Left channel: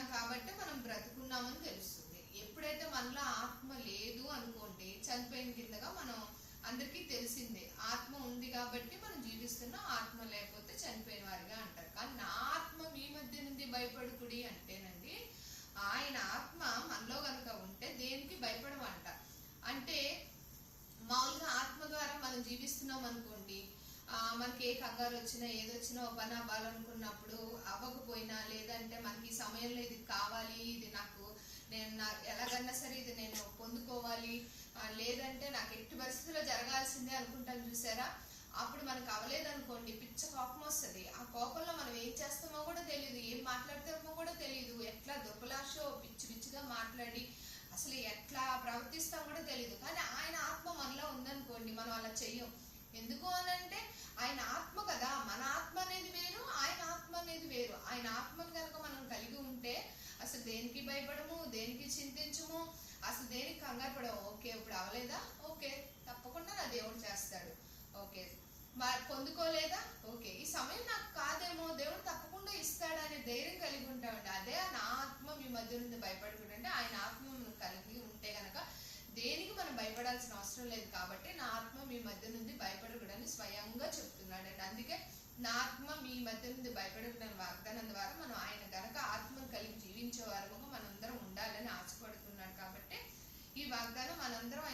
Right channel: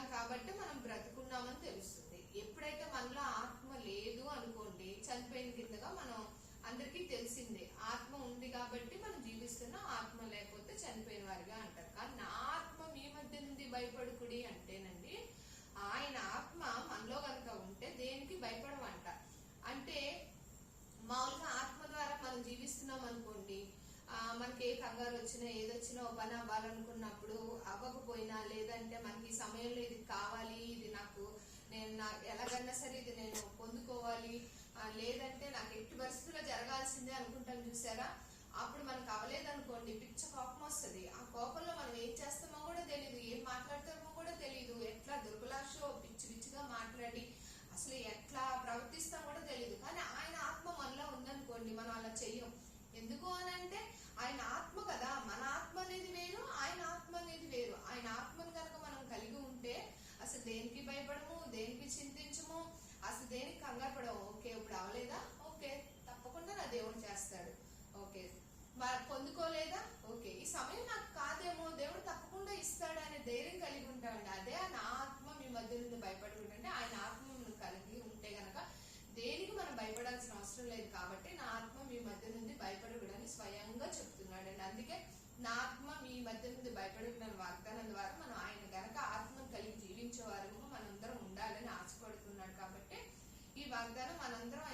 ఉన్నాం కాబట్టి మనం బ్రతుకున్నామని తెలుస్తుంది. ఎప్పుడైతే మనలో ఆత్మ లేదు అనుకోండి, చనిపోయిన కిందగా మనం అందరికీ తెలిసిందే. ఆత్మ ఉంది కాబట్టి మనం జీవిస్తున్నాం, ఆత్మ లేకపోతే చనిపోయిన వారిగా అంటారు. కానీ నా ఆత్మ మీ మధ్య నుండి భయపడుకుడి అంటేనండి, ఆయన ఆత్మ మనలో కనుక ఉంటే దేనికి భయపడమంట. అంటే మామూలుగా ఆత్మ ద్వారా మనం జీవిస్తున్నాం అనుకోండి, మనకి ఏ కంగారు వచ్చినా ఏదొచ్చినా ఓ పని అవ్వాలనుకున్నప్పుడు అవ్వకపోయినా, లేదంటే మనకి ఈ సమయంలో ఇది కావాలి, ఇది నాకు నేను ఎలాగన్నా సరే ఇది నేను పొందుకోవాలి, లేదంటే నాకు ఎట్టి పరిస్థితుల్లో జరగాల్సిందే అనుకుంటాను చూసారా, అప్పుడు మనకు అవ్వలేదనుకోండి పిచ్చ కోపం వస్తుంది. ఆ కోపంలో మనం ఏం చేస్తామో కూడా తెలియదు, ఏం మాట్లాడతామో కూడా తెలియదు, ఎట్లా దుర్బలాషో పిచ్చి పిచ్చిగా మాట్లాడి అసలు ఎట్లా ప్రవర్తిస్తాం కూడా తెలియదు. కానీ ఆయన ఆత్మ మనలో ఉందనుకోండి, మనం అలా చెయ్యం. ఎందుకు అని అంటే ఆయన ఆత్మ కదా, మన ఆత్మ అనేది వేరు, ఆయన ఆత్మ అనేది వేరు. ఆయన ఆత్మను కనుక మనం కలిగి ఉంటే అసలు దేనికి భయపడము, దేనికి చింతించము, అసలు దేనికి కంగారు పడము. ఓకే ఇప్పుడు అవలేదా, ఓకే తప్పకుండా నా దేవుడు చేస్తాడు, ఓకే పొందుకోలేదా, ఓకే ఈ సమయం నాకు కాదేమో దేవుడు తప్పకుండా ఇస్తాడు అనే ధైర్యం కలిగి ఉంటామండి. అదే నా ఆత్మ మీ మధ్య నుండి భయపడుకుంటే, ఆయన ఆత్మ కలిగి ఉంటే గనక దేనికి మనం భయపడాల్సిన అవసరం లేదు. కాబట్టి నా ఆత్మ మీ మధ్య నుండి భయపడకూడని స్వయంగా చెప్తున్నాడండి. అందుకే నా ఆత్మ మీ మధ్య నుండి భయపడకూడని వాగ్దానం ద్వారా మనం ఆయన గనక ఆత్మను కలిగి జీవించే వారముగా మనందరం ఉండాలని ఆశపడుతున్నాడు. కాబట్టి ఈ వాగ్దానం మనందరం